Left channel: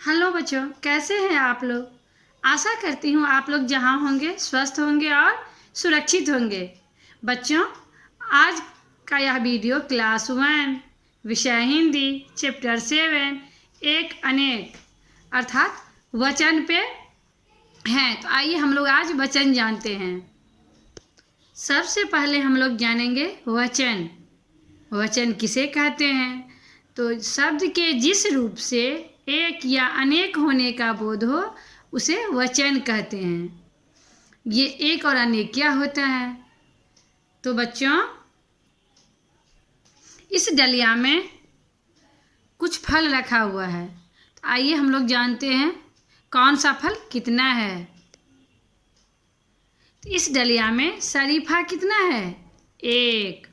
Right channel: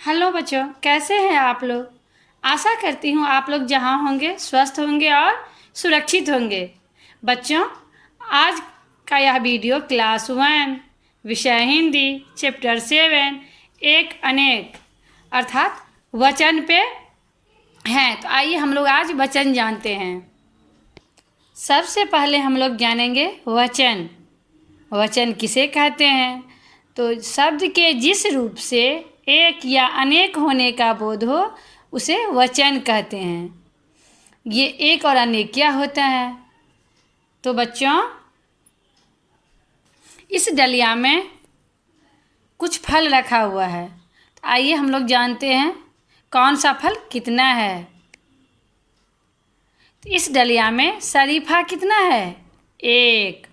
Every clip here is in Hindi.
हेलो बच्चों, कैसे हैं आप लोग। आशा करती हूँ आप लोग जहाँ होंगे स्वस्थ होंगे और सुरक्षित होंगे। बच्चों, आज का यह वीडियो क्लास 1 विषय हिंदी चैप्टर 7 एक अनेक अर्थात वचन पे हैं। तो आइए हम लोग आज वचन जानते हैं। सबसे पहले हम लोग जानेंगे वचन। वचन किसे कहते हैं? तो शब्द के जिस रूप से एक या अनेक होने का बोध हो उसे वचन कहते हैं। ये एक और अनेक क्या होता है? तो बच्चों, इस डलिया में कुछ फल रखा हुआ है। तो आइए हम लोग जानते हैं कौन सा फल कितना है। तो इस डलिया में शरीफा कितना है? 1।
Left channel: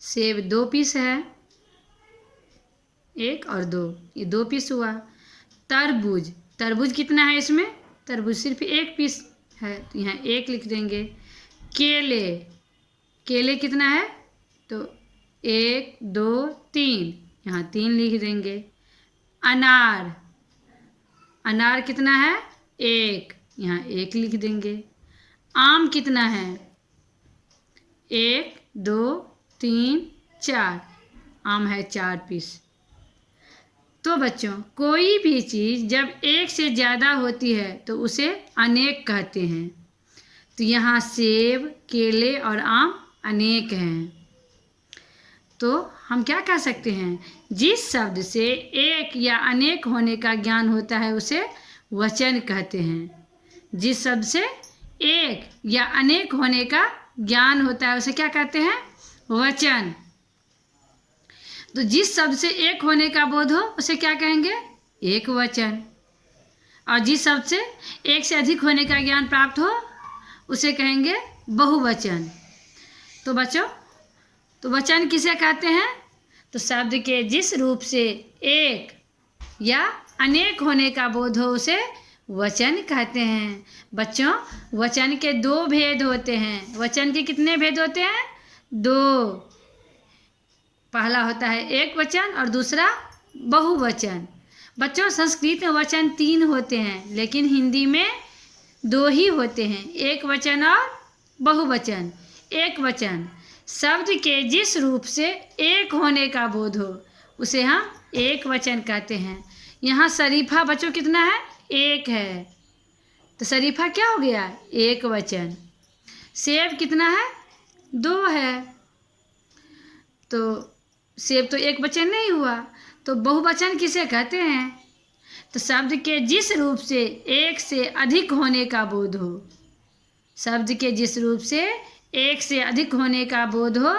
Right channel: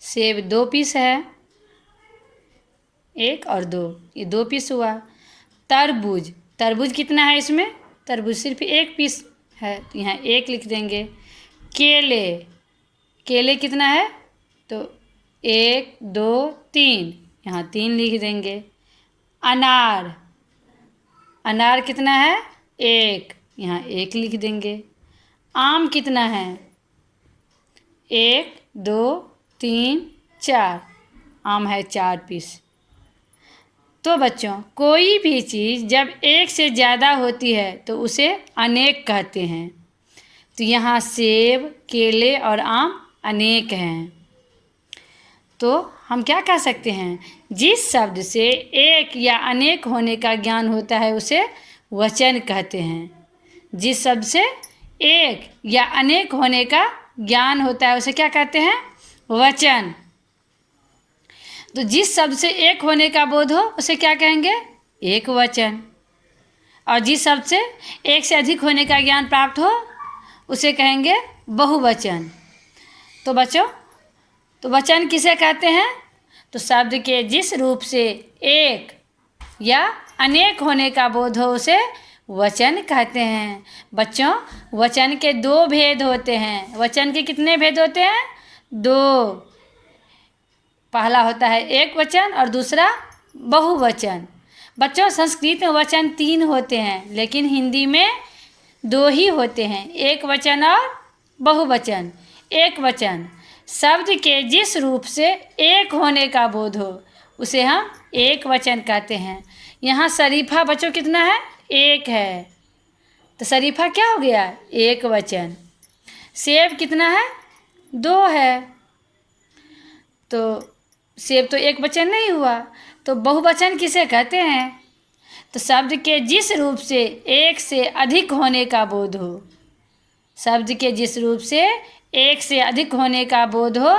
सेब 2 पीस है, 1 और 2, ये 2 पीस हुआ। तरबूज कितना है? इसमें तरबूज सिर्फ 1 पीस है, तो यहाँ 1 लिख देंगे। केले कितना है? तो 1 2 3, यहाँ 3 लिख देंगे। अनार कितना है? 1, यहाँ 1 लिख देंगे। आम कितना है? 1 2 3 4, आम है 4 पीस। तो बच्चों, कोई भी चीज़ जब एक से ज़्यादा होती है तो उसे अनेक कहते हैं। तो यहाँ सेब, केले और आम अनेक हैं। तो हम क्या कह सकते हैं? जिस शब्द से एक या अनेक होने का ज्ञान होता है उसे वचन कहते हैं। जिस शब्द से एक या अनेक होने का ज्ञान होता है उसे क्या कहते हैं? वचन। तो जिस शब्द से एक होने का बोध हो उसे क्या कहेंगे? एक वचन। और जिस शब्द से एक से अधिक होने का ज्ञान प्राप्त हो उसे कहेंगे बहुवचन। तो बच्चों, तो वचन किसे कहते हैं? तो शब्द के जिस रूप से एक या अनेक होने का बोध हो उसे वचन कहते हैं। बच्चों, वचन के 2 भेद होते हैं। वचन के कितने भेद होते हैं? 2। पहला होता है एक वचन और दूसरा बहुवचन। बच्चों, संस्कृत में वचन 3 होते हैं लेकिन हिंदी में 2 ही होते हैं, एक वचन और बहुवचन। एक वचन शब्द के जिस रूप से एक होने का बोध हो उसे हम एक वचन कहते हैं। यहाँ शरीफा बच्चों कितना है? 1 है, तो शरीफा क्या हो गया? एक वचन। सेब कितना है? 2 है, तो सेब तो एक वचन नहीं हुआ। तो बहुवचन किसे कहते हैं? तो शब्द के जिस रूप से एक से अधिक होने का बोध हो। शब्द के जिस रूप से एक से अधिक होने का बोध हो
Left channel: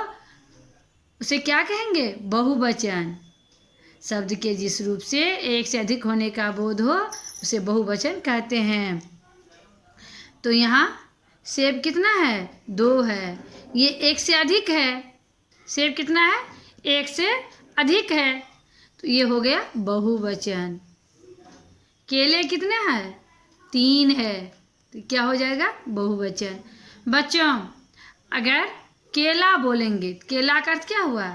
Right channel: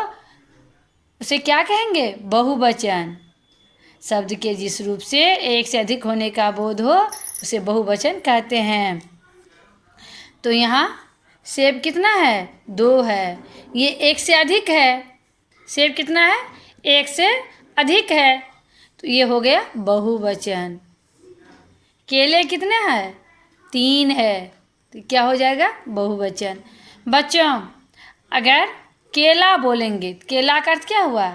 उसे क्या कहेंगे? बहुवचन। शब्द के जिस रूप से एक से अधिक होने का बोध हो उसे बहुवचन कहते हैं। तो यहाँ सेब कितना है? 2 है, ये एक से अधिक है। सेब कितना है? एक से अधिक है, तो ये हो गया बहुवचन। केले कितने हैं? 3 है, तो क्या हो जाएगा? बहुवचन। बच्चों, अगर केला बोलेंगे, केला का अर्थ क्या हुआ?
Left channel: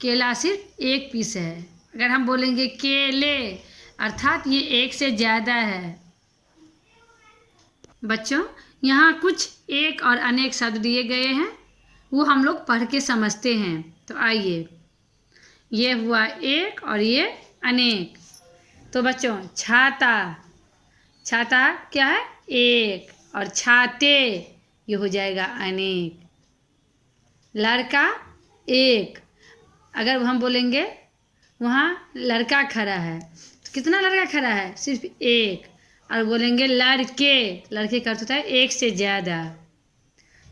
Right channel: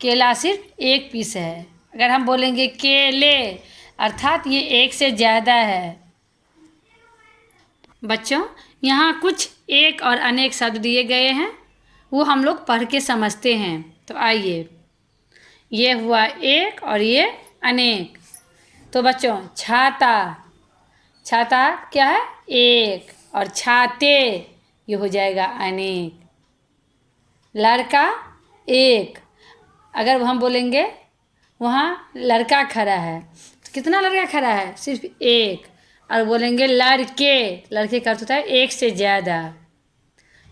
केला सिर्फ 1 पीस है। अगर हम बोलेंगे केले अर्थात ये एक से ज़्यादा है। बच्चों, यहाँ कुछ एक और अनेक शब्द दिए गए हैं, वो हम लोग पढ़ के समझते हैं। तो आइए, ये हुआ एक और ये अनेक। तो बच्चों, छाता क्या है? 1, और छाते ये हो जाएगा अनेक। लड़का 1, अगर हम बोलेंगे वहाँ लड़का खड़ा है तो कितना लड़का खड़ा है? सिर्फ 1। और बोलेंगे लड़के का अर्थ होता है एक से ज़्यादा।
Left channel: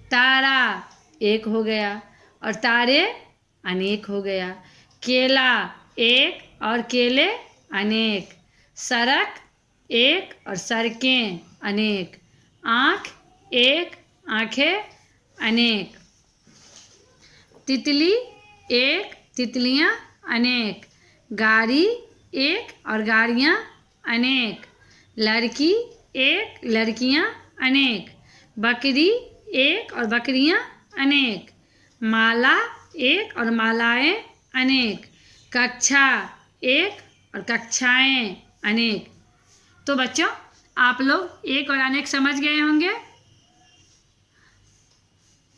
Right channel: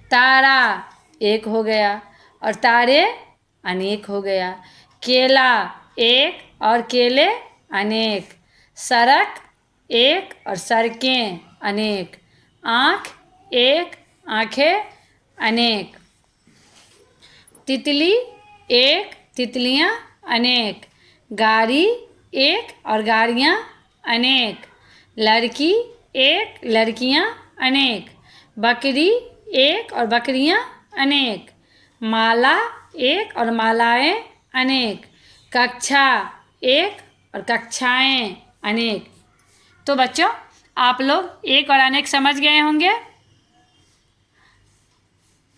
तारा 1 हो गया और तारे अनेक हो गया। केला 1 और केले अनेक। सड़क 1 और सड़कें अनेक। आँख 1, आँखें अनेक। तितली 1, तितलियाँ अनेक। गाड़ी 1 और गाड़ियाँ अनेक। लड़की 1, लड़कियाँ अनेक। बकरी 1 और बकरियाँ अनेक। माला 1 और मालाएँ अनेक। कक्षा 1 और कक्षाएं अनेक। तो बच्चों आप लोग एक और अनेक समझ गए होंगे।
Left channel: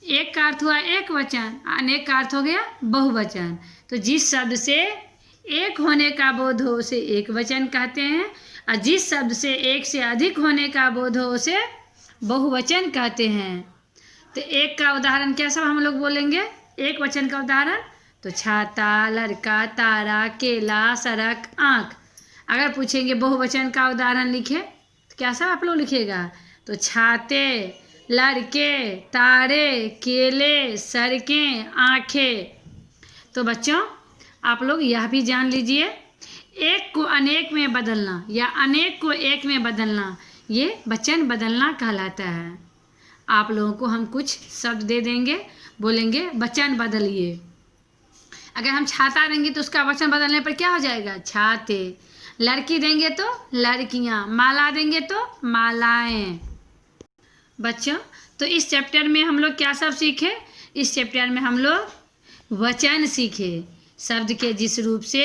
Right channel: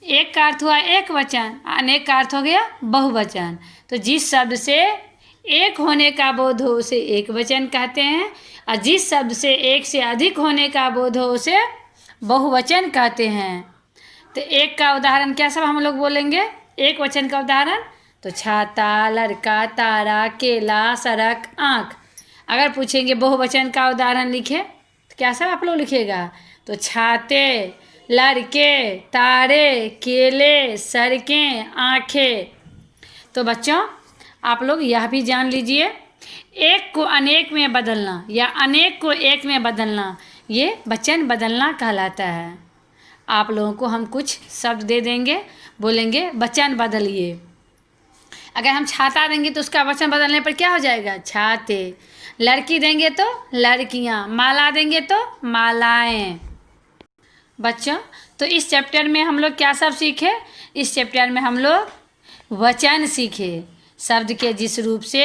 एक का अर्थ हुआ एक वचन, अनेक का अर्थ हो गया बहुवचन। तो जिस शब्द से एक होने का बोध हो उसे एक वचन कहते हैं, और जिस शब्द से एक से अधिक होने का बोध हो उसे बहुवचन कहते हैं। तो एक का उदाहरण क्या सब हम लोग बोलेंगे? एक वचन का उदाहरण तो छाता, लड़का, तारा, केला, सड़क, आँख। अगर पूछेंगे बहुवचन का उदाहरण लिखे तो क्या सब आप लोग लिखिएगा? तो छाते, लड़के, तारे, केले, सड़कें, आँखें। तो बच्चों आप लोग यह भी जान लीजिए, एक को अनेक में बदलना या अनेक को एक में बदलना ये वचन बदलना कहलाता है। आप लोगों को हम कुछ शब्द दे देंगे, बोलेंगे वचन बदलिए। अगर हम छाता देंगे तो उसका वचन बदलने पर क्या हो जाएगा? छाते। लड़की देंगे तो लड़कियाँ, माला देंगे तो मालाएं। बच्चों तो इस चैप्टर में हम लोग क्या सब सीखे? इस चैप्टर में हम लोग वचन सीखे। शब्द के जिस रूप से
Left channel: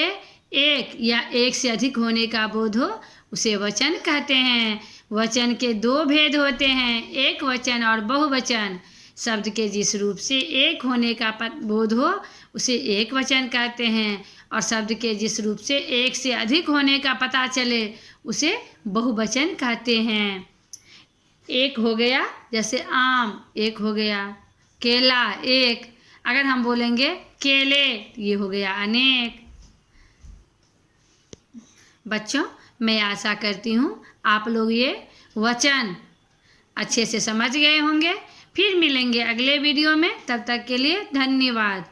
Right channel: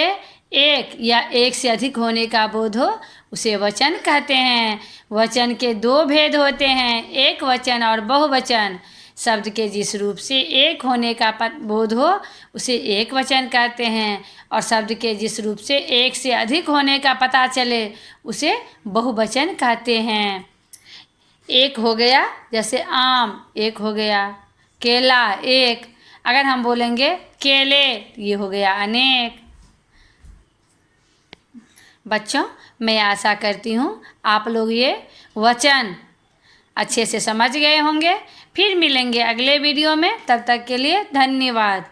एक या एक से अधिक होने का बोध हो उसे वचन कहते हैं। वचन के दो भेद होते हैं, एक वचन और बहुवचन। शब्द के जिस रूप से एक होने का बोध हो उसे एक वचन कहते हैं, और शब्द के जिस रूप से एक से अधिक होने का पता चले उसे बहुवचन कहते हैं। एक हो गया जैसे आम, एक हो गया केला, एक। अगर हम बोलेंगे केले ये हो गया अनेक। बच्चों मैं आशा करती हूँ आप लोग ये वचन अच्छे से समझ गए होंगे। फिर मिलेंगे अगले वीडियो में, तब तक के लिए धन्यवाद।